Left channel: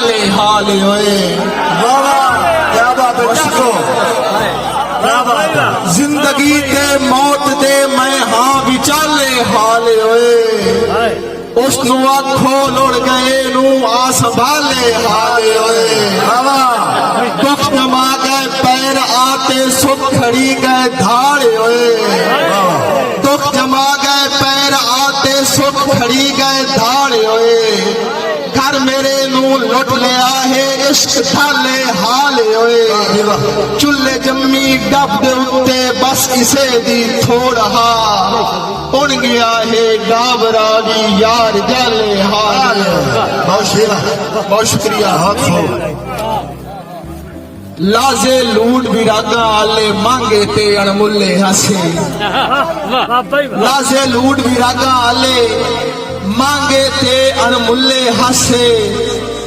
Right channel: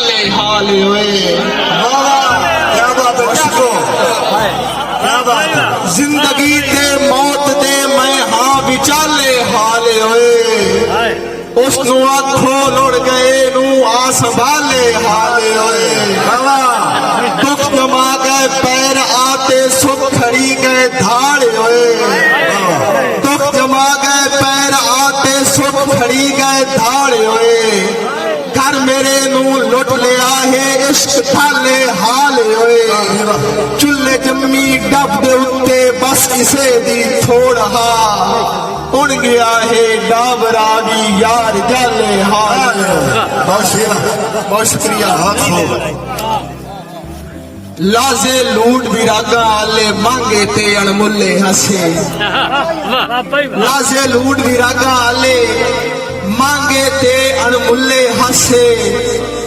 विचाले हाल होए। क्या बात है, क्या बात है। जिंदगी दे मौत दे मैं हाँ विचाले हाल होए। उसनु आखो लुड़ गए नू आ संभाले हाल होए। दुख जमा गए पैर आते सुख खड़ी गए धाड़ होए। दुख जमा गए पैर आते सुख खड़ी गए धाड़ होए। घर मेरे नू लुट लिया है इश्क थाले हाल होए। चुल्ले जम्मी डब दे उत्ते बस किसे दी थोड़ा उड़ गया है डाबरा भी यार जाले हाल। बहुत शुक्रिया। लाजे लूट विरागा आले मांगे ते अणमुल्ले हसे। लाजे लूट विरागा आले मांगे ते अणमुल्ले हसे।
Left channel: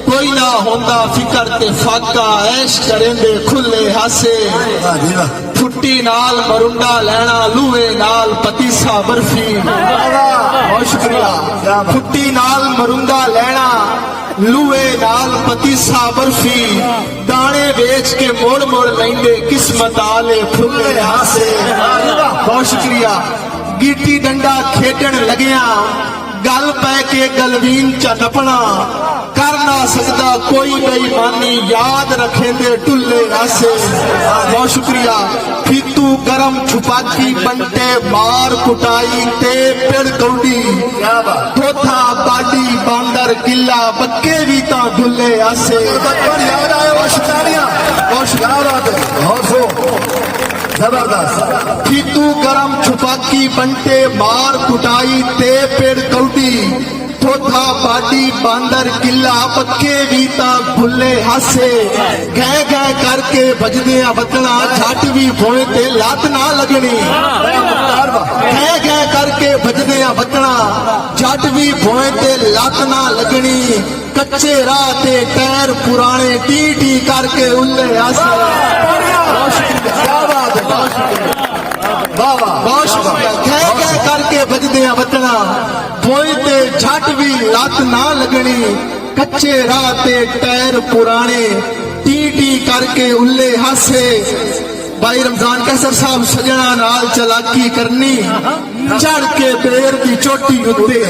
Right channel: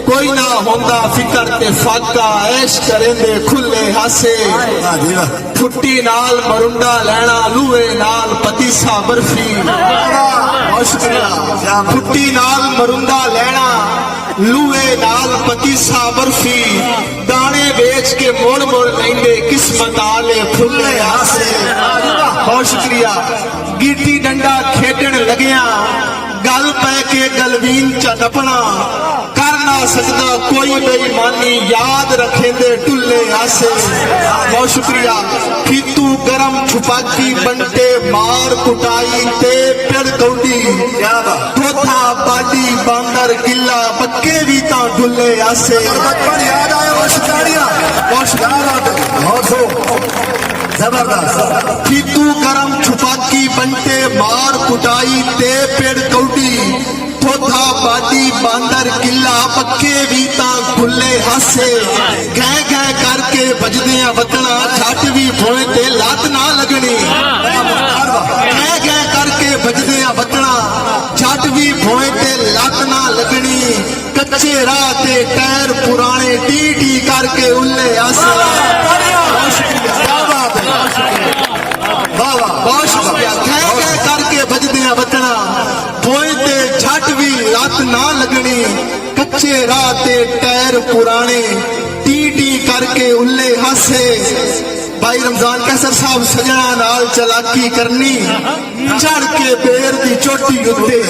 कोई ना होंदा फिकर ते फाका ऐश करेंदे खुले हसे। छुट्टी नाल मरुंडा लैना लूए नाल पतीसा बर्फी। बहुत शुक्रिया। छुट्टी नाल मरुंडा लैना लूए नाल पतीसा बर्फी। दाने बेच के मोड़ मोड़ लेंदे किस्मत आले फुले हासे। बहुत शुक्रिया। गीटी डंडा खेडन लगया गल पै के गलवीन च नपना। कर ना सकता कोई बेईमानी याद रखेंदे टुल्ले हासे। बहुत शुक्रिया। फीतू गरम छुपाकी बनते मार कुटाई ते पेड़ कौड़ी। थोथा बाडी बांदर किला बक्के भी ता ढुल्ले हासे। फीतू गरम छुपाकी बनते मार कुटाई ते पेड़ कौड़ी। थोथा बाडी बांदर किला पक्के भी ता खुले हासे। गह गह करके बजदियां वतना झट भी भोए ते लात ना लगनी। गह गह करके बजदियां वतना झट भी भोए ते लात ना लगनी। कच्चे राह ते टैर पुराने टी टी करके उल्ले हासे। बहुत शुक्रिया। गह गह करके बजदियां वतना भोए ते झट भी लात ना लगनी। कच्चे राह ते टैर पुराने टी टी करके उल्ले हसे। भाई रमजान कैसर साहब सजना नाल चलाकी करनी चढ़ के बेर दी चोटी उत्ते।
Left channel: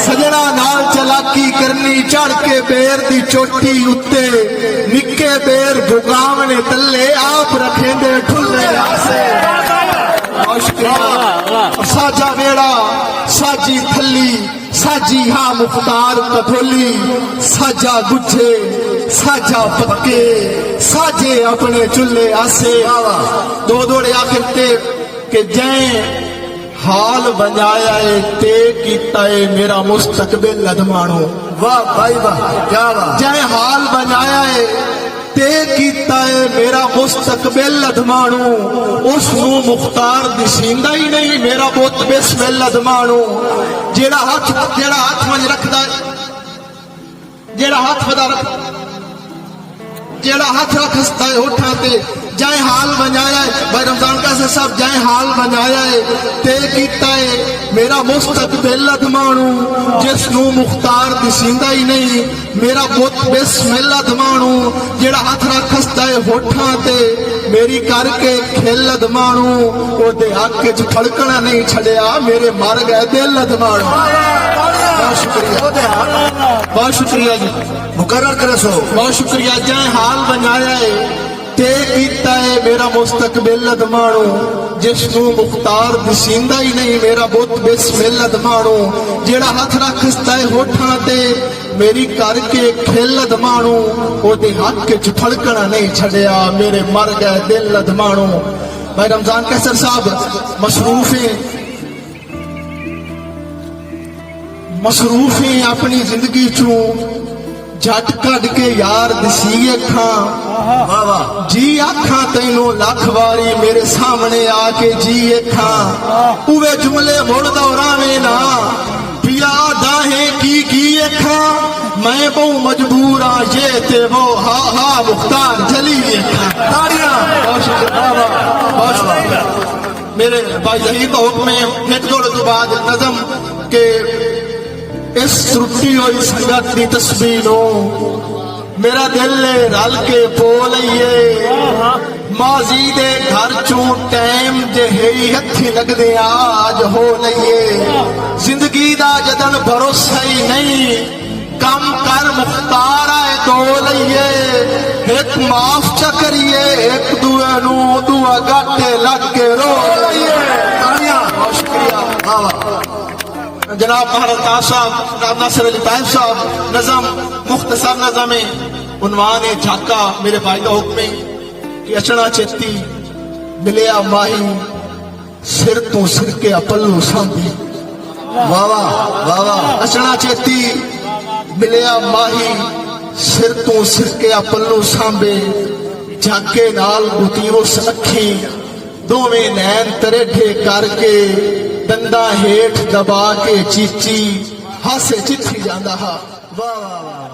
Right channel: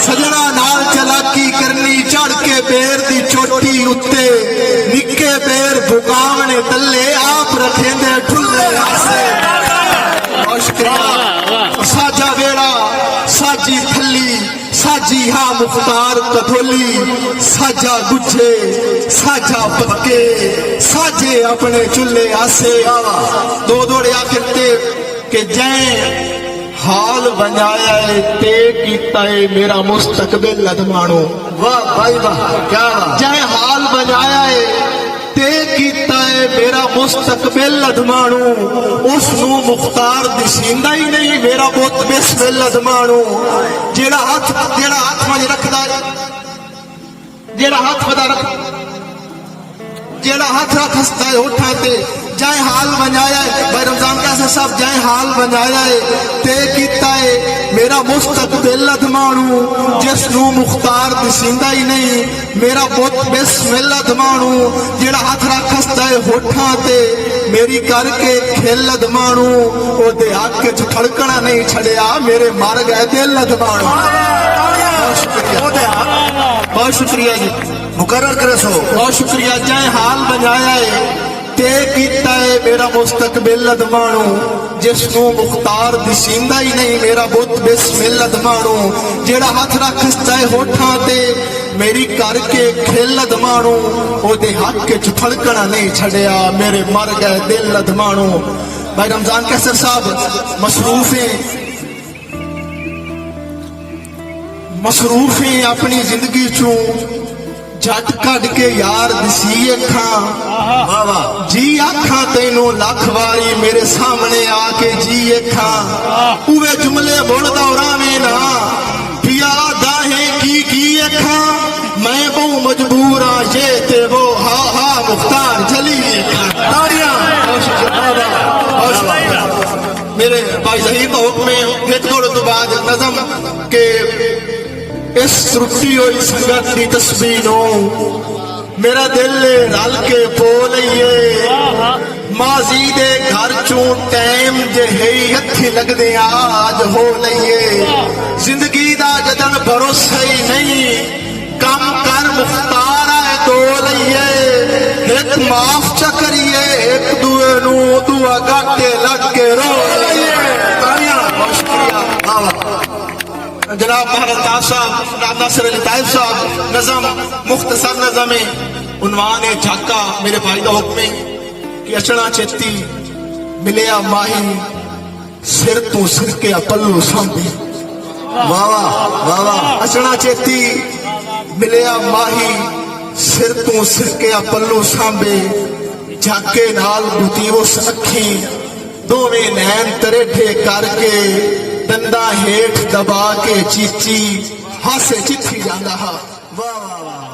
सजना नाल चलाकी करनी चढ़ के बेर दी चोटी उत्ते। निक्के बेर भुगावने तले आप रखेंदे ठुल्ले हसे। साजा वेड़ा साजी थली साजी हा मुख्तार कठोली। साजा बुझे साजा पक्के साजे अपने चुल्ले आसे। दो दौड़े आखिरते के जय हाल बनाया है ते कीता है मेरा मुस्तकबिल अदमानो। वाह भाई वाह, क्या जय हाल बनाया है ते कीता है मेरा मुस्तकबिल अदमानो। उसनू मुख्तार दिसींदा ही नहीं मेरा बहुत बिस्मिल अदमानो। जेड़ा हाथ में रखदा जेड़ा हाथ रखता है होठा ते जय हाल बनाया है। भाई रमजान कैसा सब जय हाल बनाया है ते कीता है मेरा मुस्तकबिल अदमानू। जिसनू मुख्तार दिसींदा ही नहीं मेरा बुत बिस्मिल अदमानू। जेड़ा हाथ रखता है होठा ते मेरी करके खेल अदमानू। ओदे हक च ठड़कना नहीं छड़िया मेरे मर गए दिल अदमानू। बहुत शुक्रिया जी। मुकर्रर करे सो। बहुत शुक्रिया। जय हाल बनाया है ते कीता है मेरा मुस्तकबिल अदमानू। जिसनू मुख्तार दिसींदा ही नहीं मेरा बुत बिस्मिल अदमानू। जेड़ा हाथ रखता है होठा ते मेरी करके खेल अदमानू। ओदे हक च फड़कना नहीं छड़िया मेरे मर गए दिल अदमानू। भाई रमजान कैसर साहब मसरूफ है अपनी जिंदगी चू झट कट के यार दिसी अखा। जी आखा तेनों लख वारी मेरे सामने आके जी अखा। उवे जुमले बोल दौरावे ना पिया डाहे की अखा। मैं बहु मजबूर आ ये ते वो हा हा मुख्तार जली अखा। मेरे भाई जहीर का हुक्म है। एक दौड़ के बाद नजम के इस त्रुटी हुई संगत की तस्वीरों मेरा दिल रल के पो लईए माजी दे घर चू टाइम जे हथी लगदे आज हो लईए जिंदगी दा जदन भरोसा ही नहीं कम कर मुख्तारा दो लईए एक माफ च करिए एक दुए नू दुआ गाटे लग के रो लईए जनाब महाराज साहब जनाब नासिर अली ताहिब साहब नज़म मुख्तसर नज़म है उन्वान है झाका मेरे भाई का हुक्म है कि अचना चेती मिलिया माही सिर तो सिर के पल्लू सांभे वाह वाह वाह अचना चेती मिलिया माही सिर तो सिर के पल्लू सांभे झाके नाल बुती उस अखी दोवें नैन तरेठे करके दंदा हेठ दबा के चीची हासे चिट्ठी जांदा हा वाह वाह